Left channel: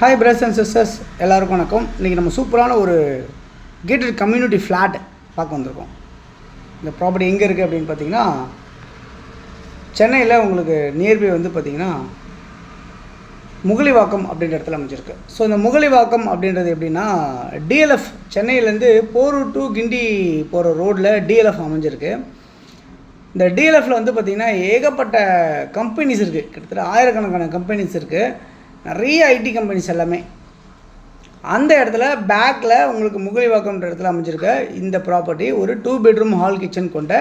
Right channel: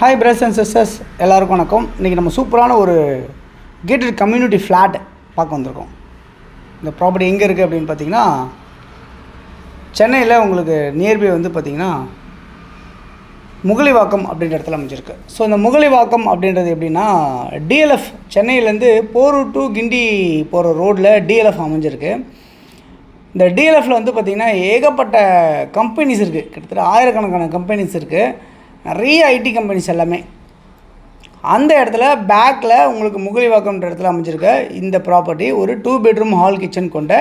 Hi brothers and sisters, எல்லாருக்கும் வணக்கம். இன்றைக்கி நம்ம சூப்பரான ஒரு கேட்டட் கம்யூனிட்டி ஃப்ளாட் பார்க்க வந்திருக்கோம். இந்த ப்ராப்பர்ட்டி எங்கே இருக்குது அப்படின்னு பார்த்தீங்கன்னா, சென்னையில் உங்களுக்கு நியர்பை வந்து பார்த்திங்கன்னா முகலிவாக்கம் அப்படின்ற இடத்துல அமைஞ்சிருக்கு. ஸோ இந்த முகலிவாக்கம் அப்படின்றது எப்படின்னா, டிஎல்எஃப் சென்னையிலேருந்து போரூர் டு கிண்டி போகிற ரோட்டில் டிஎல்எஃப் அமைஞ்சிருக்கு. இந்த டிஎல்எஃப்பில் வந்து பார்த்திங்கன்னா ஏகப்பட்ட கம்பெனிஸ் இருக்குது. கிட்டத்தட்ட ஆயிரக்கணக்கான கம்பெனிஸ் இருக்குது. நிறைய ஐடி கம்பெனிஸ் எல்லாமே அந்த இடத்துல பேக்கில் உங்களுக்கு முகலிவாக்கம்ன்ற இடத்துல அமைஞ்சிருக்க இந்த ப்ராப்பர்ட்டி ஒரு 2 பெட்ரூம் ஹால் கிச்சன் கொண்ட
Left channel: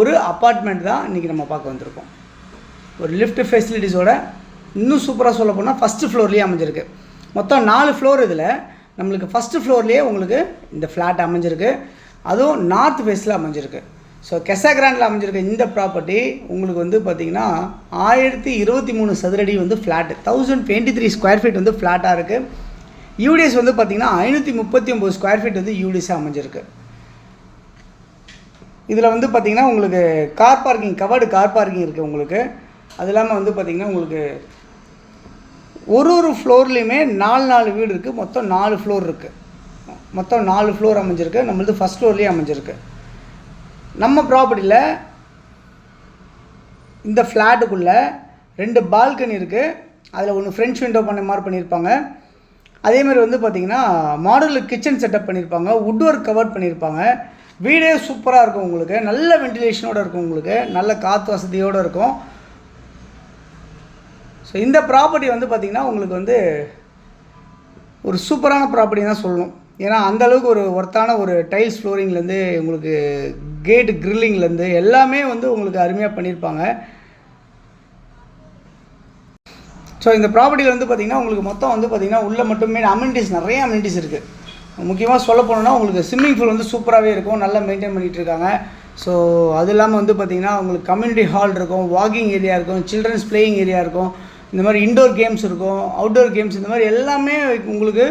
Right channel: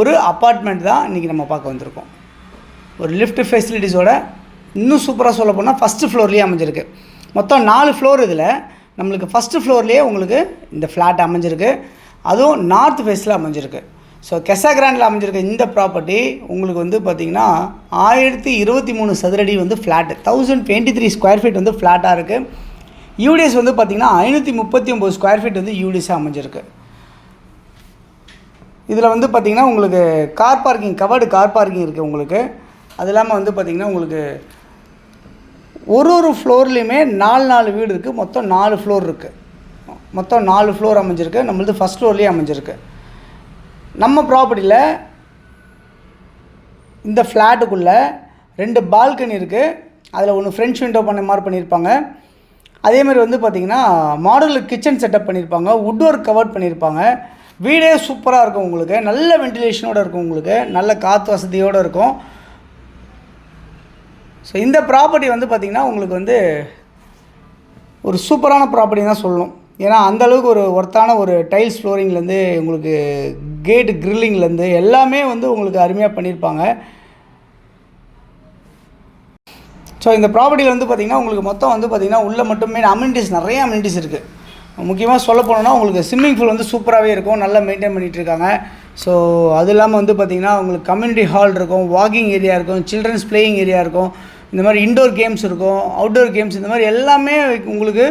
ஒரு அப்பார்ட்மெண்ட் தான் இன்றைக்கி நம்ம பார்க்க வந்திருக்கோம். ஒரு லிஃப்ட் ஃபெசிலிட்டிஸோட இன்னும் சூப்பராக சொல்ல போனால் ஃபஸ்ட்டு ஃப்ளோர்லேயே அமைஞ்சிருக்கு. மொத்தம் 4 ஃப்ளோர். இதில் நம்மளுக்கு ஃபஸ்ட்டு ஃப்ளோர்லேயே உங்களுக்கு இந்த ஃப்ளாட் அமைஞ்சிருக்கு. அதுவும் நார்த் ஃபேஸில் அமைஞ்சிருக்கு. ஸோ கெசாகிராண்டில் அமைஞ்சிருக்க இந்த ப்ராப்பர்ட்டி உங்களுக்கு வந்து பார்த்திங்கன்னா 1023 சதுரடி வந்து ஃப்ளாட்டு, 1023 ஸ்கொயர் ஃபீட் வந்து ஃப்ளாட்டாக இருக்குது. யூடிஎஸ் வந்து பார்த்திங்கன்னா 539 ஸ்கொயர் ஃபீட் வந்து யூடிஎஸாக அமைஞ்சிருக்கு. இதில் வந்து பார்த்திங்கன்னா உங்களுக்கு car parking, covered car parking இருக்குது உங்களுக்கு. அது இல்லாமல் வந்து பார்த்திங்கன்னா உங்களுக்கு ஒரு ஃப்ளோர்லேயுமே 4 வீடு இருக்குது. மொத்தம் 4 ஃப்ளோர் இருக்குது. மொத்தம் 4 ஃப்ளோர் அமைஞ்சிருக்கு. நம்மளது ஃபஸ்ட் ஃப்ளோர்லேயே அமைஞ்சிருக்கு. நம்ம ப்ராப்பர்ட்டியில் இந்த ஃப்ளாட்டுக்குள்ளே 2 பால்கனி இருக்குது. அதில் ஒன்று ஃப்ரெஞ்ச் விண்டோ பண்ண மாதிரி பண்ணியிருப்பாங்க. அதேமாதிரி வந்து பார்த்திங்கன்னா மாடல் கிச்சன் செட்டப் பண்ணியிருப்பாங்க. வுட் ஒர்க் கவர் பண்ணியிருப்பாங்க. வீடே சூப்பராக இருக்கும் உங்களுக்கு. நல்ல வென்டிலேஷனோடு இருக்கும் உங்களுக்கு. நல்ல காற்று வசதியோடு இருக்கும். ஸோ இந்த ப்ராப்பர்ட்டி வந்து பார்த்திங்கன்னா உங்களுக்கு வந்து ஒரு சூப்பரான ப்ராப்பர்ட்டி தான் சொல்லணும். ஏன்னா அந்தளவுக்கு ஒரு ஒர்த்தான ஒரு டைல்ஸ் ஃப்ளோரிங்லேருந்து உங்களுக்கு கேட்டு கிரில்லிங்லேருந்து எல்லாமே வந்து உங்களுக்கு அருமையாக பண்ணியிருப்பாங்க. ஸோ இந்த ப்ராப்பர்ட்டியில் வந்து பார்த்திங்கன்னா உங்களுக்கு மொத்தம் வந்து பார்த்திங்கன்னா உள்ளே மட்டுமே அம்யூனிட்டிஸ், நிறைய அம்யூனிட்டிஸ் இருக்குது. முக்கியமாக சொல்ல போனோன்னா உங்களுக்கு ஸ்விம்மிங் பூல் வந்து சூப்பராகவே இருக்கும். நல்லா மெயின்டைன் பண்ணிகிட்ருக்காங்க. ஸோ அது இல்லாமல் வந்து பார்த்திங்கன்னா உங்களுக்கு கம்யூனிட்டி ஹால் இருக்கும், வாக்கிங் ஏரியா இருக்கும், சில்ட்ரன்ஸ் பிளேயிங் ஏரியா இருக்கும், இந்த மாதிரி இன்டோர் கேம்ஸ் இருக்கும், அவுட்டோர் கேம்ஸ், இந்த மாதிரி எல்லாமே உங்களுக்கு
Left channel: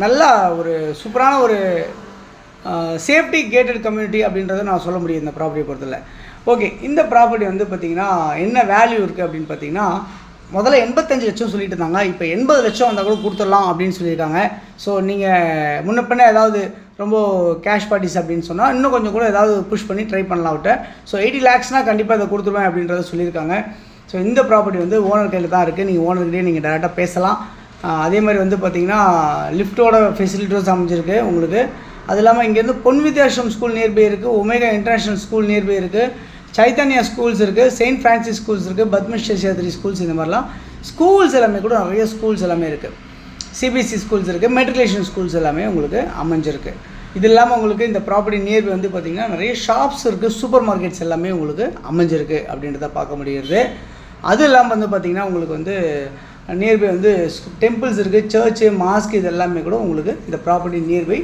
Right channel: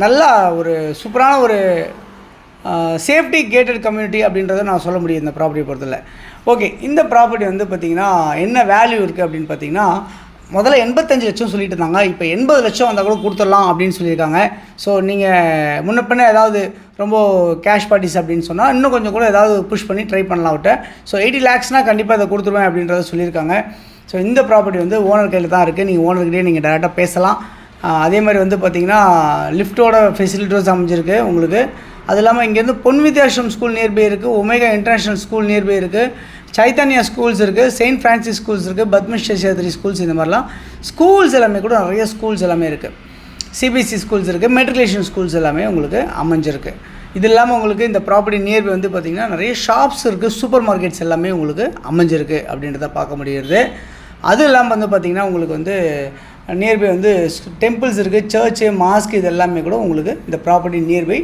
நல்லா ஒரு சூப்பரான ஒரு சேஃப்டி கேட்டட் கம்யூனிட்டி அப்படின்றத நான் சொல்ல முடியும் இந்த ப்ராப்பர்ட்டியை பொறுத்தல. ஓகே, இந்த ப்ராப்பர்ட்டி வந்து பார்த்திங்கன்னா என்ன வேல்யூ இருக்குது அப்படின்னு பார்த்திங்கன்னா, முதல்ல 85 லட்சம் சொல்லிட்டு இருந்தாங்க. இப்போ 80 லட்சம் வந்தால் கூட கொடுத்துடலாம் அப்படின்னு சொல்லியிருக்காங்க. ஸோ நீங்கள் முன்ன பின்ன ஏதாவது ரொம்ப கேஷ் பார்ட்டிஸ் அப்படின்னு சொன்னால் இன்னும் கொஞ்சம் கூட ஏதாவது புஷ் பண்ணி ட்ரை பண்ணலாம் விட்ட. ஸோ 80 லேக்ஸ்னால் கண்டிப்பாக இதை கொடுத்துருவேன் அப்படின்றத சொல்லியிருக்காங்க. ஸோ இந்த ப்ராப்பர்ட்டி வந்து ஓனர் கையில் தான் இருக்குது. நீங்கள் ஓனர்கிட்டே நீங்கள் டேரெக்டாக பேசலாம். அதே மாதிரி வந்து பார்த்திங்கன்னா லிஃப்ட்டோட ஃபெசிலிட்டிஸ் அமைஞ்சிருக்கு உங்களுக்கு. அது இல்லாமல் இங்கேருந்து பொன் வித்யாஸ்ரம் ஸ்கூல் நியர்பை இருக்குது, ஒமேகா இன்டர்நேஷ்னல் ஸ்கூல் நியர்பை இருக்குது, சைத்தன்யா ஸ்கூல்ஸ் இருக்குது, செயின்ட் ஃப்ரான்சிஸ் ஸ்கூல்ஸ் இருக்குது, பத்மஸ்ரீ ஸ்கூல்ஸ், இந்த மாதிரிலாம் ஸ்கூல்ஸ் எல்லாமே கூட நிறைய ஸ்கூல்ஸ் எல்லாமே இருக்குது. சிபிஎஸ்சி ஸ்கூல்ஸ் இருக்குது, மெட்ரிகுலேஷன் ஸ்கூல்ஸ் எல்லாமே உங்களுக்கு அமைஞ்சிருக்கு. இது இல்லாமல் உங்களுக்கு இந்த ப்ராப்பர்ட்டி நியர்பை வந்து பார்த்திங்கன்னா நிறைய ஷாப்ஸ் இருக்குது, சூப்பர் மார்க்கெட்ஸ் எல்லாமே உங்களுக்கு அமைஞ்சிருக்கு அப்படின்றத பார்க்க முடியுது. அது இல்லாமல் வந்து பார்த்திங்கன்னா உங்களுக்கு வந்து நியர்பை வந்து டெம்பிள்ஸ் இருக்குது, சர்ச்சு, மாஸ்க், இது எல்லாமே கூட உங்களுக்கு இந்த ப்ராப்பர்ட்டி நியர்பை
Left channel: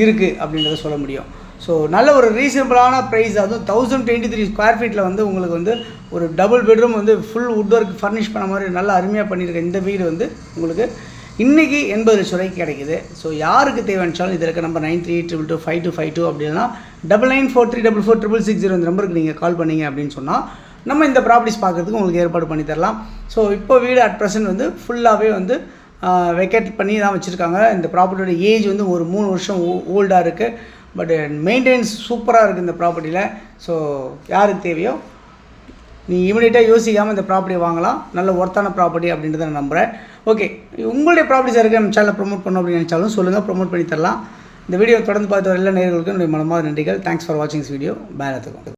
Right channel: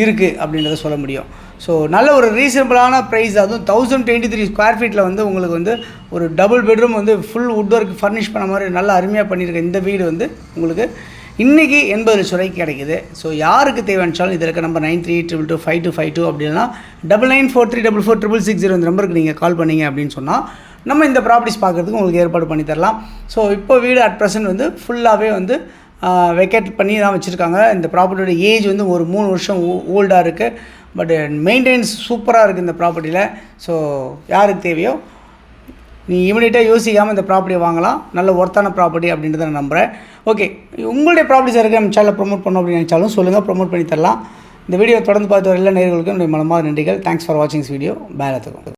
இருக்குது அப்படின்றத சொல்ல முடியும். ஸோ நல்ல ஒரு ரீசனபிளான ப்ரைஸ். அதுவும் 1023 ஸ்கொயர் ஃபீட்டில் வந்து உங்களுக்கு வந்து ஒரு டபுள் பெட்ரூம் வந்து ஃபுல் வுட் ஒர்க் ஃபர்னிஷ் பண்ண மாதிரி நல்லா அருமையாக பண்ணியிருக்க இந்த வீடு வந்து உங்களுக்கு இன்றைக்கி 80 லட்சம் ரூபாய்க்கு கிடைக்குது. ஸோ யாருக்கு தேவையானாலும் இதில் இருக்க நம்பர் 9322525252 அப்படின்னா 99434466 இந்த நம்பருக்கு நீங்கள் கால் பண்ணிங்க அப்படின்னு சொன்னால் நம்ம இந்த ப்ராப்பர்ட்டிஸ் பார்க்குறதுக்கு உங்களுக்கு ஏற்பாடு பண்ணி தரலாம். ஸோ இப்போ வீடு அட் ப்ரெசென்ட் வந்து ஃபுல்லாகவே வந்து வெக்கேட் பண்ணி தான் வச்சுருக்காங்க. இந்த ப்ராப்பர்ட்டியோட ஏஜ் வந்து ஒரு 3 வருஷம் ஓல்டாக இருக்குது. பட் மெயின்டெனன்ஸ் சூப்பராக இருக்குது இந்த ப்ராப்பர்ட்டியில். ஸோ யாருக்கு தேவையோ நீ இமீடியட்டாக யோசிக்காமல் இந்த ப்ராப்பர்ட்டியை வாங்கலாம். நல்ல ஒர்த்தான ப்ராப்பர்ட்டி அப்படின்றத நான் நம்புகிறேன். ஓகே, உங்களுடைய ப்ராப்பர்ட்டிஸ் இருக்குது நம்ம சேனலில் ப்ரொமோட் பண்ணோம் அப்படின்னு நினச்சாலும் சொல்லுங்கள், ப்ரொமோட் பண்ணி தரலாம். இந்த வீடியோ தொடர்ந்து பார்த்து வர எல்லா நேயர்களுக்கும் என்னுடைய மனமார்ந்த நன்றிகள். தேங்க்ஸ் ஃபார் வாட்சிங் திஸ் வீடியோ. பாய்.